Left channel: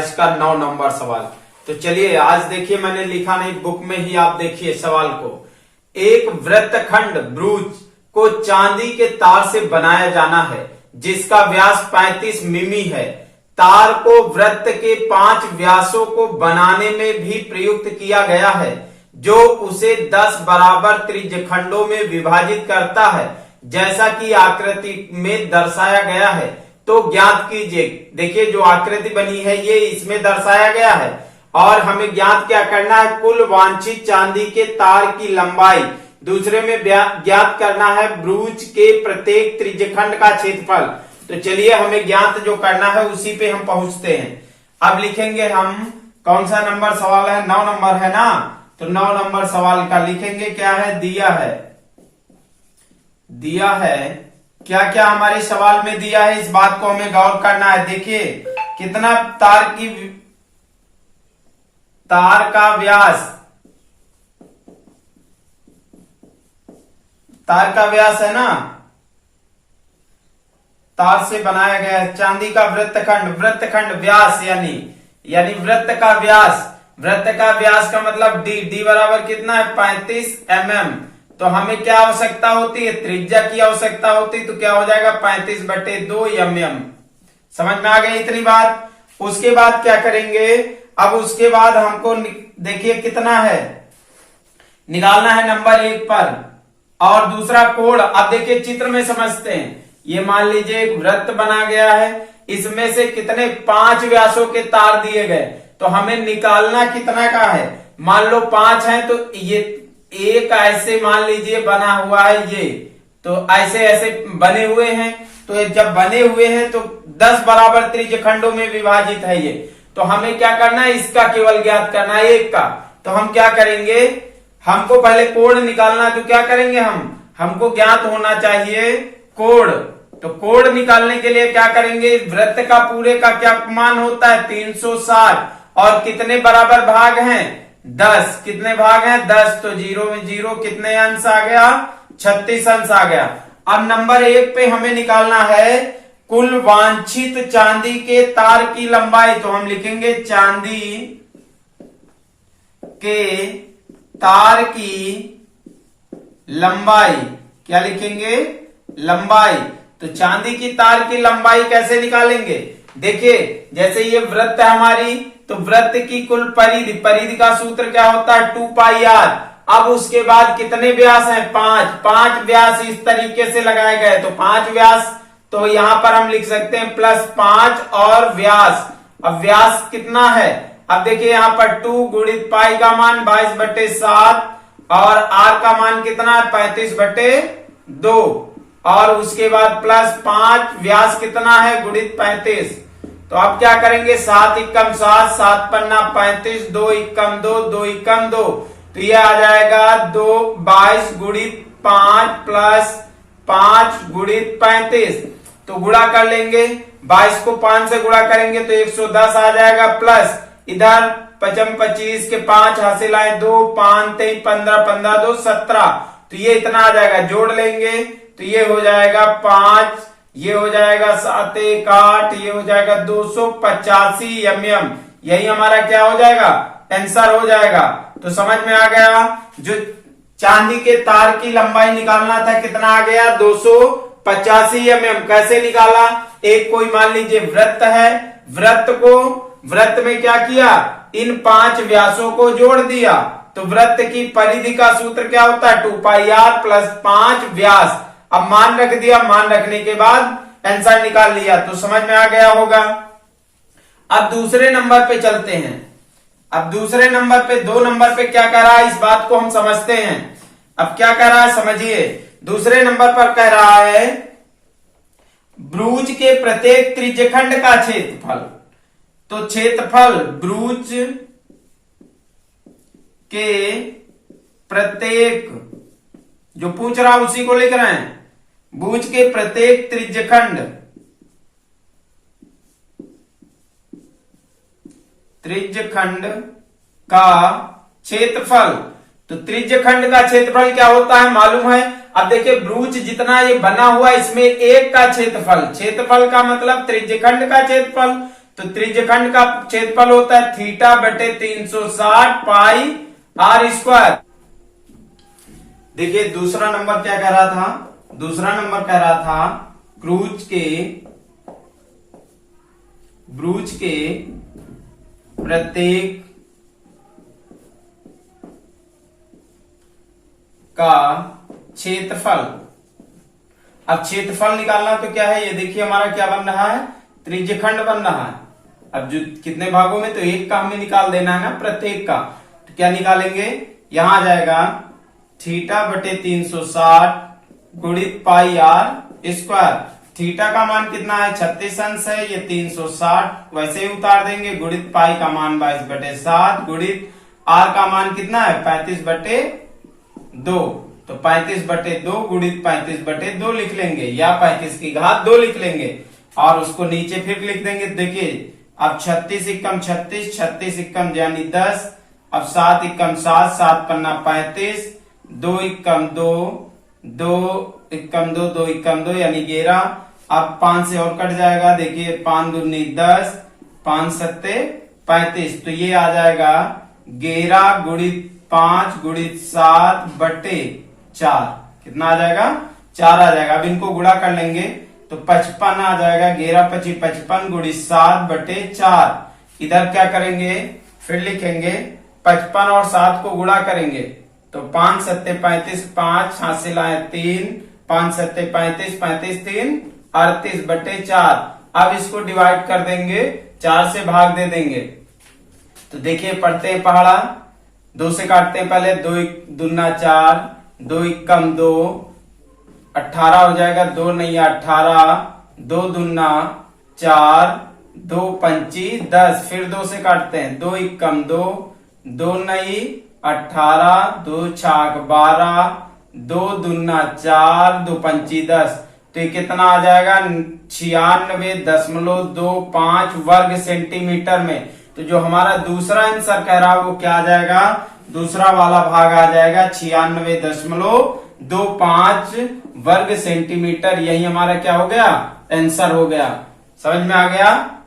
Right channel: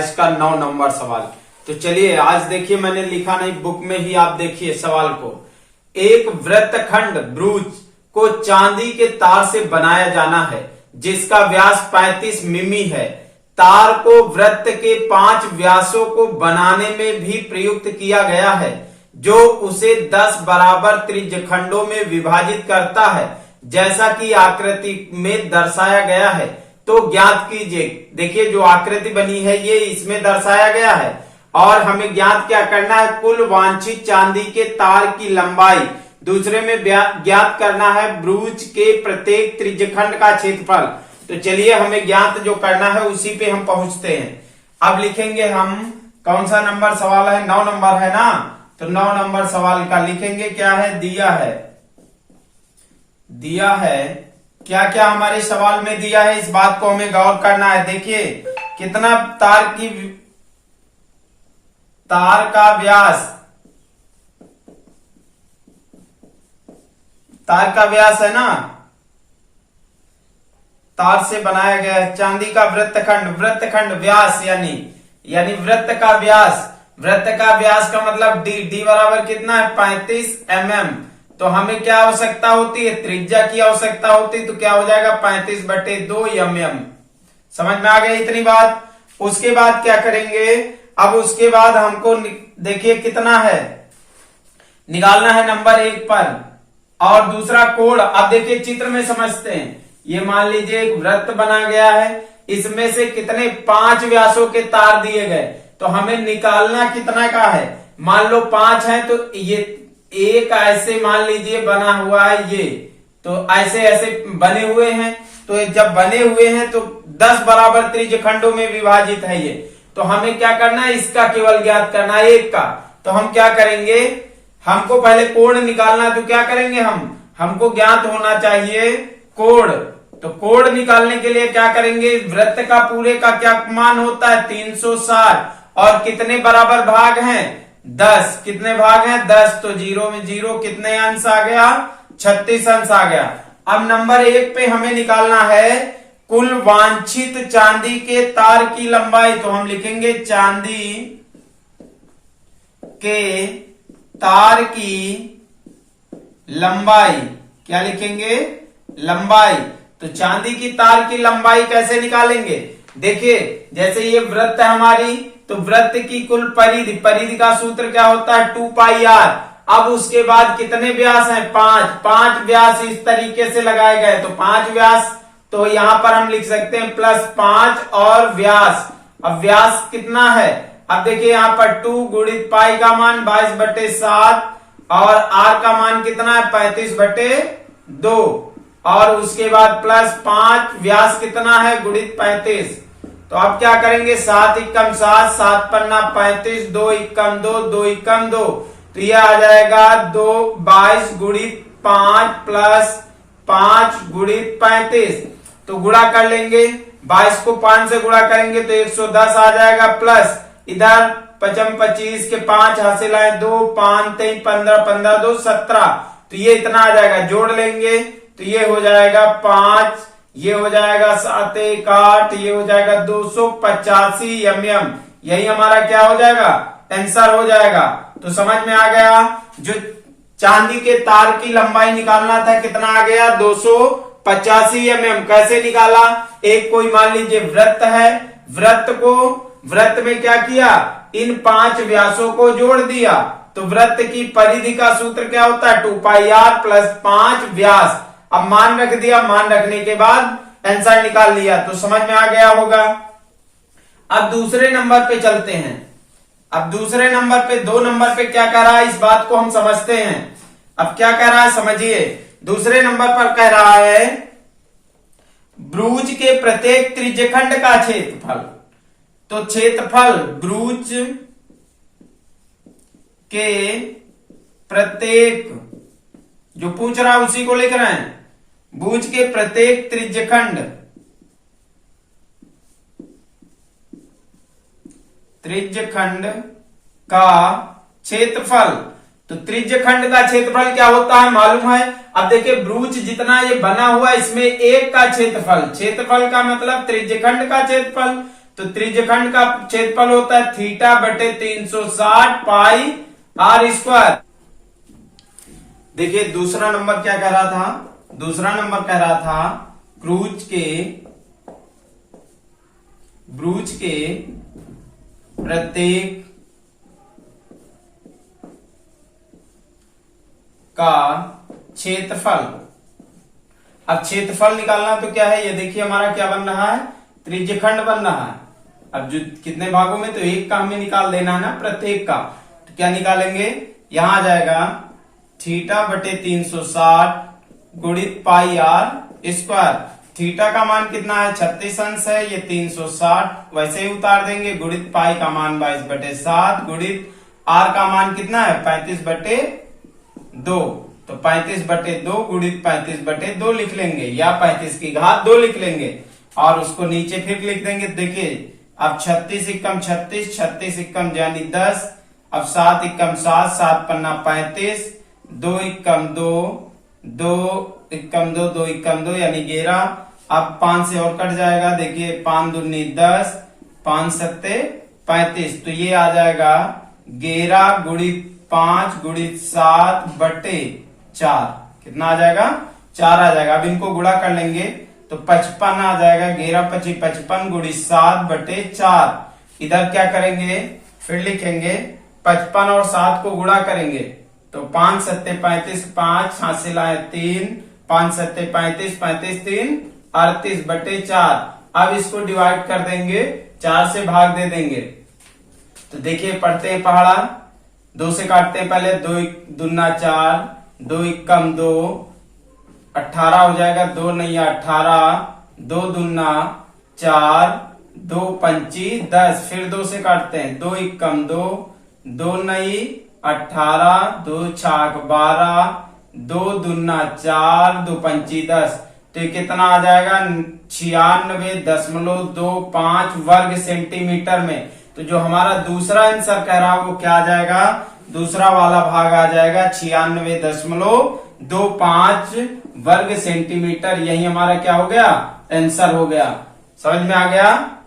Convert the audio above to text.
इसका 9 नंबर सवाल। तो चलिए आज देखिए, मैंने लिखा नहीं, बुक में ही आप देखिए सवाल को। एक वृत्तखंड ब्रूज को चांदी के तार से बनाया जाना है जिसका व्यास 35 मिमी है। तार को वृत्त के 5 व्यासों को बनाने में भी प्रयुक्त किया गया है जो उसे 10 बराबर त्रिज्यखंडों में विभाजित करता है जैसा कि आकृति में दर्शाया गया है। तो ज्ञात कीजिए। देखिए जो आकृति बनी है ये इसमें दर्शाया गया है और हमें ज्ञात क्या करना है, कुल वांछित चांदी के तार की लंबाई। दूसरे में ज्ञात करना है ब्रूज के प्रत्येक त्रिज्यखंड का क्षेत्रफल। तो चलिए हमें ज्ञात जो करना है उसी पे हम पहुंचते हैं। अब लिखेंगे हम, कौन सा नंबर सवाल है, 9 नंबर है ना। तो 9 नंबर सवाल का लिखेंगे, क्या है, दिया है क्या क्या हमारे सवाल में दिया है, इस बात को हमें गौर करना है। देखिए कितना तार का व्यास है ना, तार से बनाया गया है। चांदी का वृत्तखंड व्यास यानी वृत्त का व्यास का मतलब डी बराबर कितना है, 35 mm। तो हमें क्या आवश्यकता होती है, त्रिज्या की आवश्यकता होती है। तो क्या हो जाएगा, 35/2 mm। समझ में आ गई इतनी बात। उसके बाद क्या करेंगे, अब उसके बाद हमको देखिए कितना है, निकालना है नंबर 1 पर। और दूसरा कोण, अब देखिए चित्र में समझते हैं। ये मान लीजिए एक वृत्त बना गया है, इसमें से कितने 5 व्यासों के तार दिए गए। तो हमें निकालना कितना का है, मान लो 5 है तो ये एक ऐसे मान लीजिए बना हुआ है, ये तो ऐसे बने हुए हैं। तो जब बने हुए हैं तो 10 बराबर त्रिज्यखंडों में विभाजित है ये। तो हमें क्या करना है, इसका केवल ज्ञात करना है, एक का। तो हम क्या करेंगे, हमको पहले कोण निकालना है। तो क्या करेंगे, हमको ज्ञात होना चाहिए कोण। तो कोण निकालने के लिए क्या करेंगे, वृत्त का पूरे का क्या मान होता है, 360। और कितने बराबर भाग हैं, 10। कितने भाग हैं, 10। तो 0 में 0, कितने अंश आ गया, 36 अंश आ गया। अब नंबर 1 पे हमें निकालना है कुल वांछित चांदी के तार की लंबाई। तो हम लिखेंगे चांदी के तार की लंबाई, क्या लिखेंगे, लंबाई। तो चांदी की तार की लंबाई कैसे निकालेंगे, देखिए जैसे ये वृत्त है हमारी, तो वृत्त की कुल परिधि का सूत्र क्या होता है, 2πr। अब उसके बाद कितने व्यास हैं, 5 व्यास इस तरीके से लगाए गए। तो 5 व्यास, तो यहां पर हम लिख सकते हैं +5 और व्यास। अब व्यास कितना है, अब देखिए यहां पर 2 गुणित पाई का मान 22/7 और r का मान कितना है, 35/2। और उसके बाद +5 व्यास कितना है, गुणित 35। तो अब क्या करेंगे, 7 एकम 7, 7 पन्ना 35, 2 एकम 2, 2 एकम 2। तो ये आ जाएगा 22 गुणित 5 प्लस 5 गुणित 35। तो गुणा कर लेंगे, 22 को 5 से गुणा करेंगे तो 110 आ जाएगा। प्लस इधर 5 25 के 5 हासिल आए 2, 5 3 15, 15 2 17। तो ये इतना आ जाएगा, जोड़ लेंगे तो ये हो जाएगा 5, ये हो जाएगा 7 1 8, ये हो जाएगा 285 mm। यही हमारा क्या हो जाएगा, आंसर हो जाएगा। तो समझ में आ गया, जो चांदी के तार की लंबाई निकालना था कितना आ गया, 285 mm। कैसे निकाला, एक कोई मान लीजिए वृत्त है, वृत्त में क्या किया, इन 5 व्यासों को जोड़ दिया। तो वृत्त की परिधि का सूत्र क्या होता है, 2πr + 5 व्यास। अब मान रख दिया, मान रखने के बाद आंसर निकाल लिया। तो समझ में आ गया होगा। अब दूसरे नंबर पे चलते हैं। अब दूसरे नंबर पे, 2 नंबर पे क्या कह रहा है, इस बात को हम समझते हैं। अब क्या कह रहा है समझिए, दूसरे नंबर पर कह रहा है ब्रूज के प्रत्येक त्रिज्यखंड का क्षेत्रफल। तो क्षेत्रफल ब्रूज के प्रत्येक, जो पूछ रहा है उसी को लिख रहे हैं, ब्रूज के प्रत्येक त्रिज्यखंड का क्षेत्रफल। तो त्रिज्यखंड का क्षेत्रफल क्या होता है मालूम है। अब देखिए ब्रूज जितना ये बना हुआ है इसमें एक का क्षेत्रफल का मतलब त्रिज्यखंड का क्षेत्रफल। तो त्रिज्यखंड का क्षेत्रफल होता है थीटा बटे 360 पाई आर स्क्वायर। देखिए दूसरा नंबर क्या कह रहा था, दूसरा नंबर कह रहा था ब्रूच के प्रत्येक का क्षेत्रफल। अब क्षेत्रफल निकालना तो क्या है, ये देखिए हमारा क्या बन रहा है, त्रिज्यखंड बन रहा है। अब जो कितने भागों में, तो एक का हमें निकाल देना है ना, प्रत्येक का। तो क्या निकालेंगे, यहां आ जाएगा थीटा बटे 360 गुणित पाई आर स्क्वायर। थीटा का मान कितना है, 36 अंश है, ये 360 वैसे ही उतार देंगे, गुणित पाई का मान 22/7 गुणित आर का मान कितना है 35/2। तो 35/2 गुणित 35/2 लिख लेंगे, या 35 की घात 2 लिख लेंगे, और उसको नीचे फिर लिख देंगे। देखिए अब 36 एकम 36, 36 एकम यानी 10, अब 7 एकम 7, 7 पन्ना 35, 2 एकम 2, 2 एकम 2, 2 एकम 2 यानी 11। अब 5 से और कट जाएगा, देखिए 5 दूनी 10, 5 सत्ते 35, तो ये आ जाएगा 11 गुणित 5 गुणित 7 बटे 4। कितना आ जाएगा, 4 आ जाएगा। अब इनको गुणा कर लेंगे तो 55 आ जाएगा, 11 × 25 55 गुणित 7 बटे 4। इधर क्या करेंगे, फिर लिखेंगे 55 और 7 को गुणा करेंगे तो 5 सत्ते 35, 5 हासिल आए 3, 5 सत्ते 35, 35 3 38 बटे 4। अब इसको डिवाइड कर देंगे, 4 से भाग दे देंगे। तो देखिए पढ़ते हैं पहाड़ा, 2 से काटते हैं पहले, 2 दूना 4, 2 एकम 2, 18 हो जाएगा, 2 नैया 18, 2 दूना 4, 2 पंची 10, फिर 2 से काटते हैं, 2 एकम 2, 2 नई 18, 2 छाक 12, 2 दूना 4, 2 पंची 10। तो ये कितना आ जाएगा 96.25 वर्ग सेंटीमीटर में। तो जो हमारा दूसरा आंसर कह रहा है वो क्या आ जाएगा, दूसरा वाला भाग आ जाएगा 96.25 वर्ग सेंटीमीटर। यही हमारा क्या हो गया, आंसर हो गया। समझ में आ गया।